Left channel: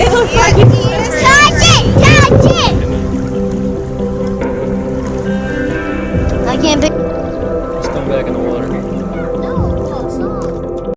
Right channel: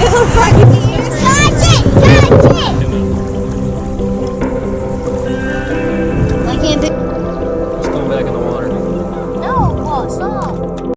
It looks like it's I can't pick. It's coming back in the water.